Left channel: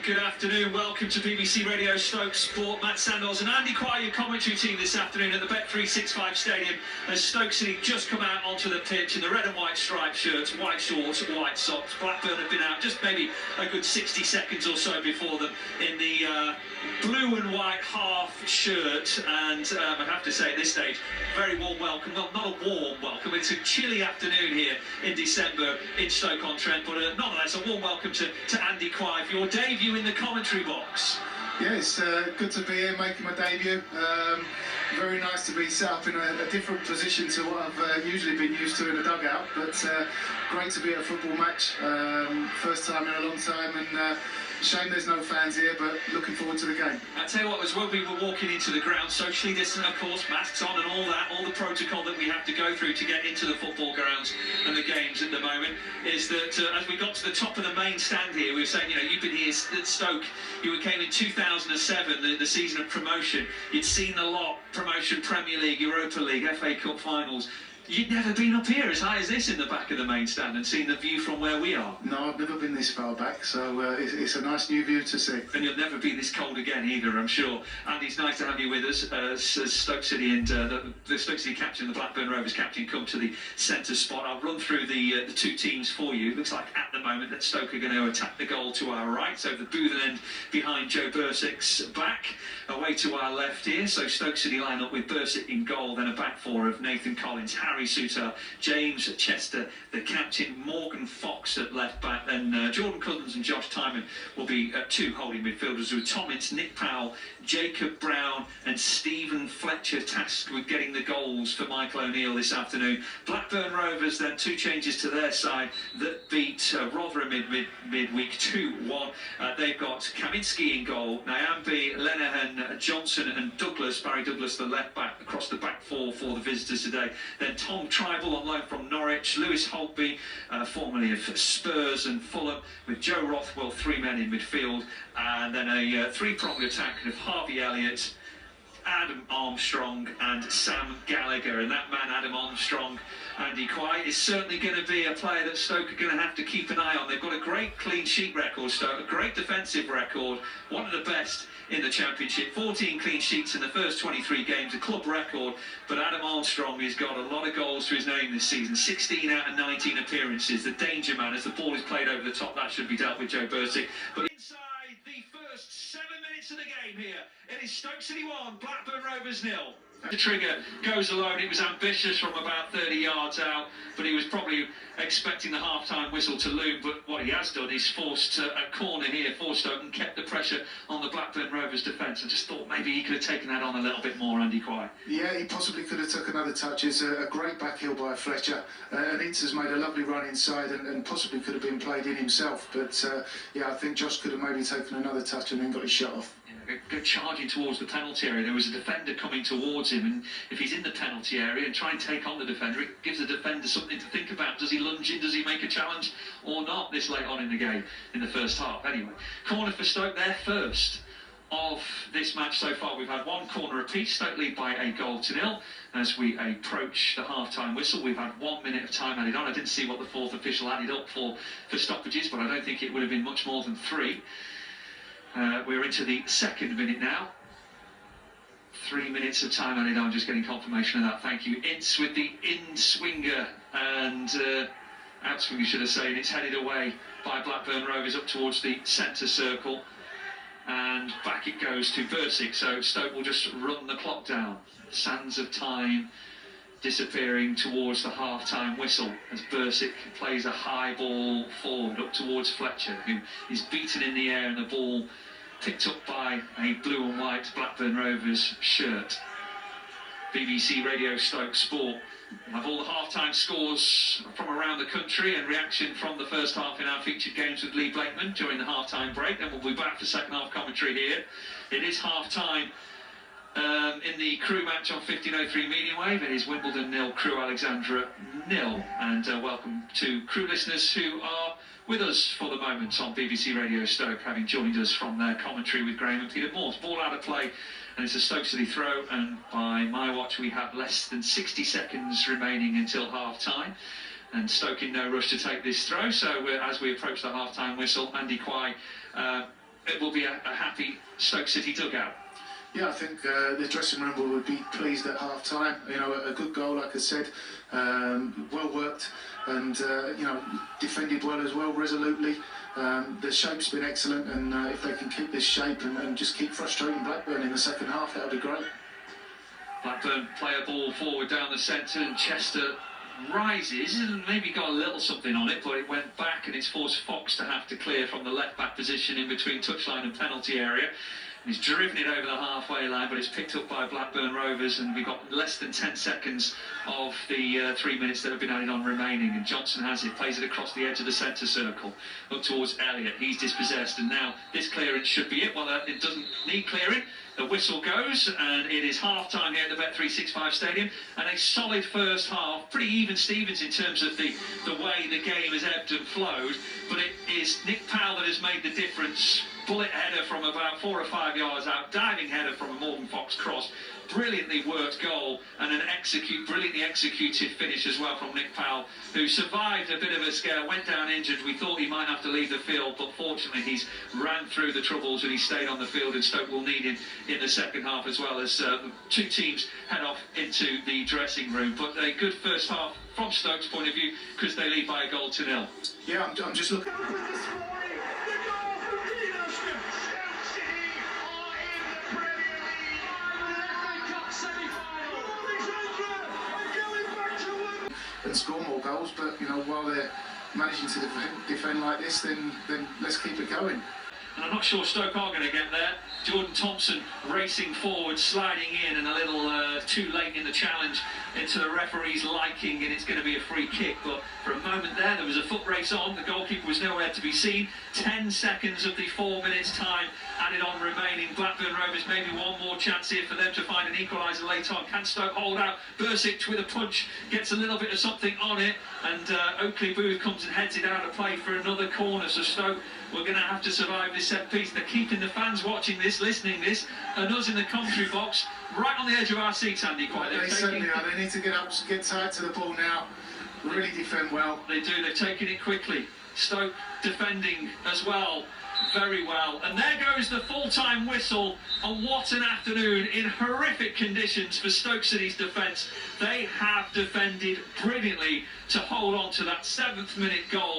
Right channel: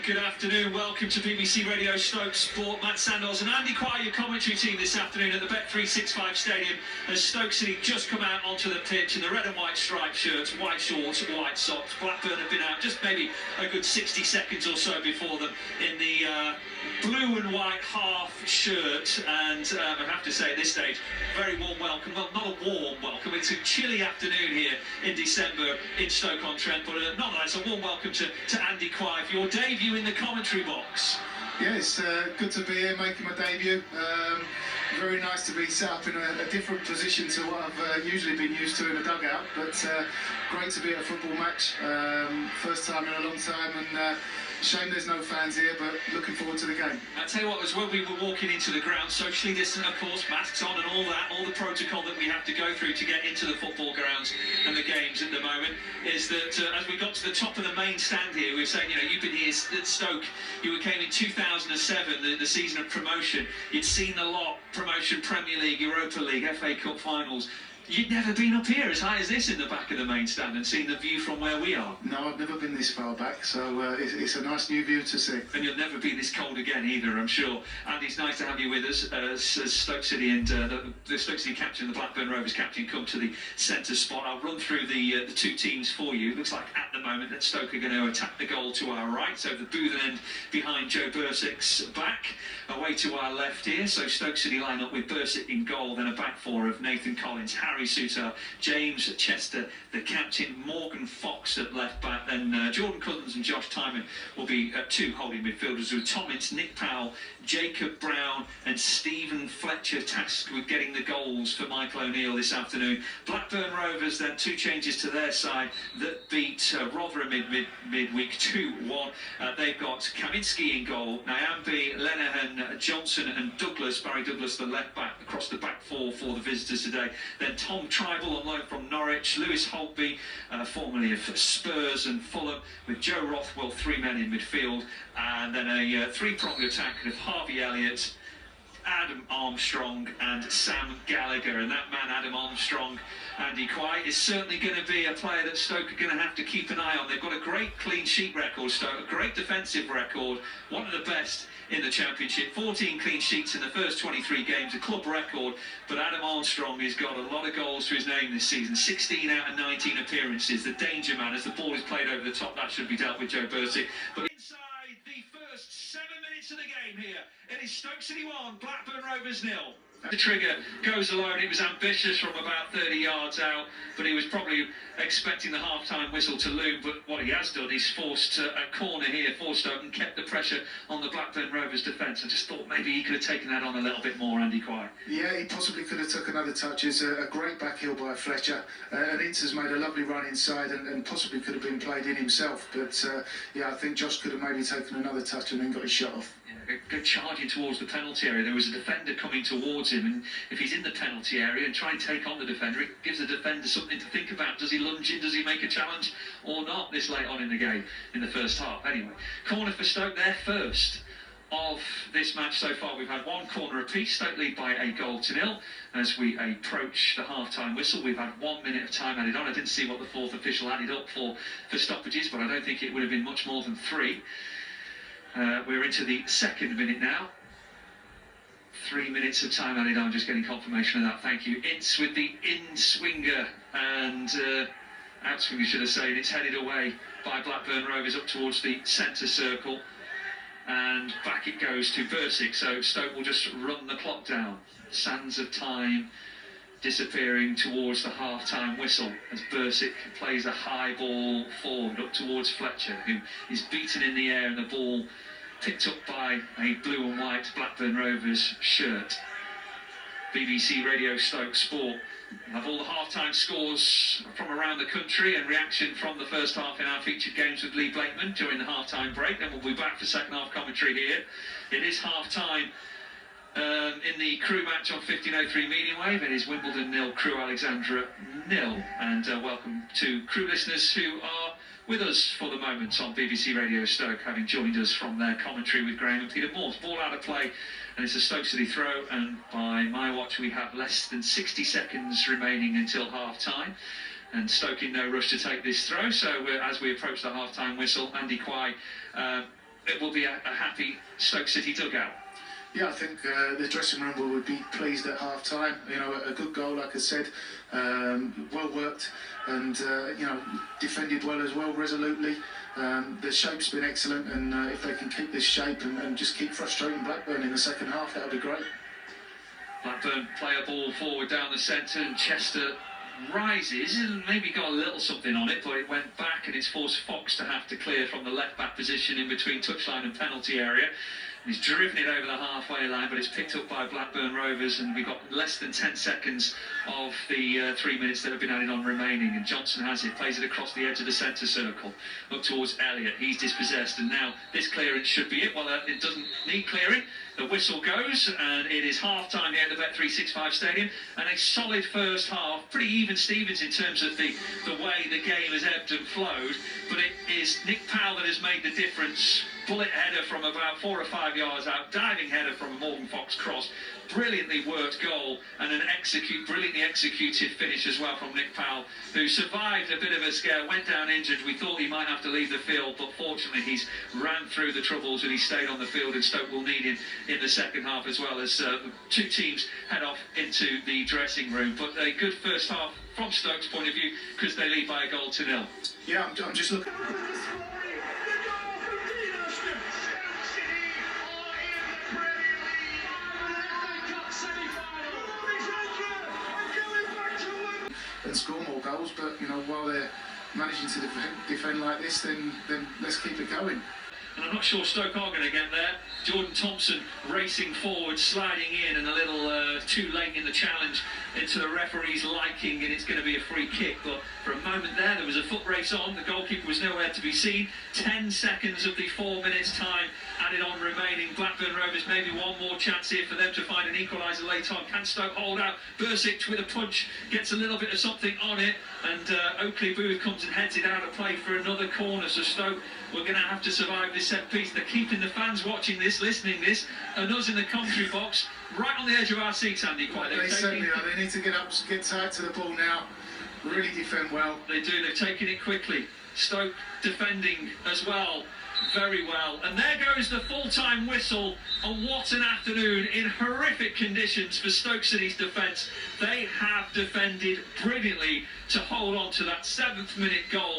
And good afternoon, welcome to BBC Radio Stoke Sport. Matt Sandals and Andy Quire, your commentary team this afternoon at the Bet365 Stadium as Stoke City just come out onto the pitch in the red and white striped shirts, white shorts, white socks. Blackburn have been out just maybe a good 60 seconds or so before them in the blue and white half shirt, and I have to say at this stage, very warm welcome. Well, not a warm welcome, it's a chilly afternoon here in December in Stoke-on-Trent, but nonetheless a warm welcome to Andy Quire for your debut in the commentary box. Yeah, it's good to be here making my debut. Very nice to be set up in a different position to what I've usually been used to in a dugout, but great to be at a football match. First time in a long time, and shame there's no fans here, but looking forward to the game. I'll tell you what, as when we were walking into the ground, socially distant of course, masks on and all that, all the protocol that we have to go through to get into the football grounds and the games at the moment, is that as we got to the top of the main stand here, we were saying, you know, you've been here at Stoke, you came in 2007, the season of promotion, you'd seen a lot, promotion, Premier League, Europa League, FA Cup finals. You'd never been up here as high as this in the back of the main stand and seen the view from where we are. No, I've never been this far back, so it's a nice new view to see. And you'll never be this cold again either, I'm sure. And it's nice to have you with us as Stoke City and the Stoke City captain, the Blackburn Rovers captain, come to the centre spot. I'll run through the two teams for you. It looks like at the moment that Stoke are going to attack the goal to our right, so the booth end behind Joe Bursick's back. Away to our left here, so Stoke City line up with Bursick in goal, then a back four of Nathan Collins, Harry Souttar, James Chester, the captain, Morgan Fox at left back, then Jordan Cousins and Josh Timon will be two holding midfielders with Thomas, Nick Powell, Jacob Brown and Stephen Fletcher tasked with getting the goals for Michael O'Neill this afternoon. Blackburn Rovers then two changes to their side that beat Rotherham midweek 2-1. They've got Kaminski in goal, Nyambe, Lenihan, Johnson and Douglas, Barry Douglas the left back across the back four for the visitors today. Then Tom Tribal on loan from Norwich, Lewis Holtby, formerly of Spurs and Fulham, with Joe Rothwell, three men in midfield, and then a three-pronged attack of Harvey Elliott, Adam Armstrong and Sam Gallagher. And that man, Adam Armstrong, Andy Quire, is certainly going to be a player that Stoke are going to have to keep an eye on. They've got a great clean sheet record, Stoke, a great defensive record, one of the best in the Championship, 14 clean sheets in the first 23 games, a club record, but Adam Armstrong has got a lot of goals to his name this season, 16 out of 19 appearances, the danger man as the ball is played over the top. That should be dealt with Joe Bursick. But inside the first 7 minutes of the game here, it is Stoke City 1, Blackburn Rovers 0. The trigger goes alone. It was ambitious from about 30 yards out, but he was probably expecting the half-time whistle to loom. But what he has done is forced a corner here for Stoke and kept the pressure on the Blackburn Rovers defence. I just thought maybe he could have taken that on a little bit more, Andy Quire. Yeah, he possibly could have took another touch. It's a great back heel by Fletcher. And Inter's made a lovely run inside and possibly could have been played in himself. But yeah, I think Josh could have maybe taken another touch and then got his shot off. Go charging towards the penalty area. There was a defender coming towards him, and if he's in the penalty area and try and take on the defender, it gives the defender something to think about. Does he lunge in? Does he make a challenge or not this late on in the game in the first half? Anyway, corner for Stoke, their first of this match so far. We've had one corner apiece. Stoke lead by a goal to nil. As we approach the half-time whistle, we've had 1 minute of time added on. I didn't see what the fourth official added up for stoppages, but I don't think it would have been much more than 3. We're into the second minute now. 3 minutes of time added on, just getting confirmation of that. Thank you. Ince with the in-swinger and out-swinger, should I say, and it's headed away by Blackburn Rovers up towards the centre circle. And back it goes to Bursick, so Stoke will just run the clock down. Sands of time disappearing towards the half-time whistle as Bursick plays a high ball forward up towards Fletcher, who is beaten in the air and the ball picked up by a blue and white Blackburn Rovers shirt. BBC Radio Stoke Sport. We have all the half-time scores from around the country and reaction from the first half in our featured games with Lee Blakeman during the half-time break. Then we'll be back for second half commentary here. It is half-time in the Crew match on 1503 medium wave. It is Wimbledon 0, Crew Alexandra 0. And welcome to Crew listeners who are with us for the moment on BBC Radio Stoke, having joined us from their commentary with Graham and Peter Morse. Ball out of play, and it's a Stoke City throw, and by my watch we have less than 60 seconds remaining until half-time. And Stoke in no rush to take this throw, so as we approach the half-time whistle, Andy Quire, it will be a happy Stoke City dugout. Yeah, I think the dressing room would be pleased at half time. You know, a good goal, like I said, well worked, and defended well as well, resolutely. The shape's been excellent, and if they can keep this shape and just keep frustrating Blackburn in the second half, that would be great. Blackburn play a ball forward down the centre, and Chester rises and maybe got a little something on it, but it went back, and it's forced Fox to have to clear from the left back position in between touchline and penalty area. He's driven it over the halfway line, but it's picked up by Blackburn Rovers, and we've got less than 10 seconds of the 3 minutes that have been added on remaining. And Johnson has it, plays it across the edge of the centre circle, up towards Elliott. He's dispossessed, and now this clearance should be it. Well, it doesn't need clearing. The whistle goes, and it is half-time here at the Bet365 Stadium, and a solid first half. Pretty even Stevens in terms of the way the game has ebbed and flowed, but it is Nick Powell that has made the difference. Bullet header from about 4 or 5 yards out, diving header from a Morgan Fox cross, brilliantly worked goal, and an brilliantly executed finish as well from Nick Powell, who survived a bit of a scare, went down injured. We thought he might have to leave the field, but fortunately he's ran through the troubles and he stayed on the field, and Stoke will need him in the second half as well, as the two teams head off into the dressing room. But a good first half from Stoke's point of view, because they lead by a goal to nil. Yeah, I'm just looking. And score more goals, but while they're managing to defend like this, then let's keep it going. And I'm not sure Stoke are going to get there. Jordan Thompson racing forward, sliding in, and a little too late in the challenge into the referee's liking, and it's going to be a free kick. But for a moment there was a foot race on. The goalkeeper was nowhere to be seen. 10 seconds of the 4 minutes time added on remaining. Blackburn Rovers, maybe one more chance here for them to find an equaliser later on. Can Stoke hold out? Bursic with a punch gets a little bit of something on it, and Oakley Booth comes and heads it out of play for another corner. So Stoke, we're going to have to survive this set piece. They're keeping the fans watching this, listening this, and us in the commentary box, right on the edge of our seats, Andy. They certainly are. They need to get tight to the ball now. Really defend well. They do. They're taking it quickly. Stoke defending as well, very well. And there goes the full-time whistle. And what an afternoon in horrific conditions for Stoke City's defence. They have defended brilliantly to hold on to that 7th minute goal.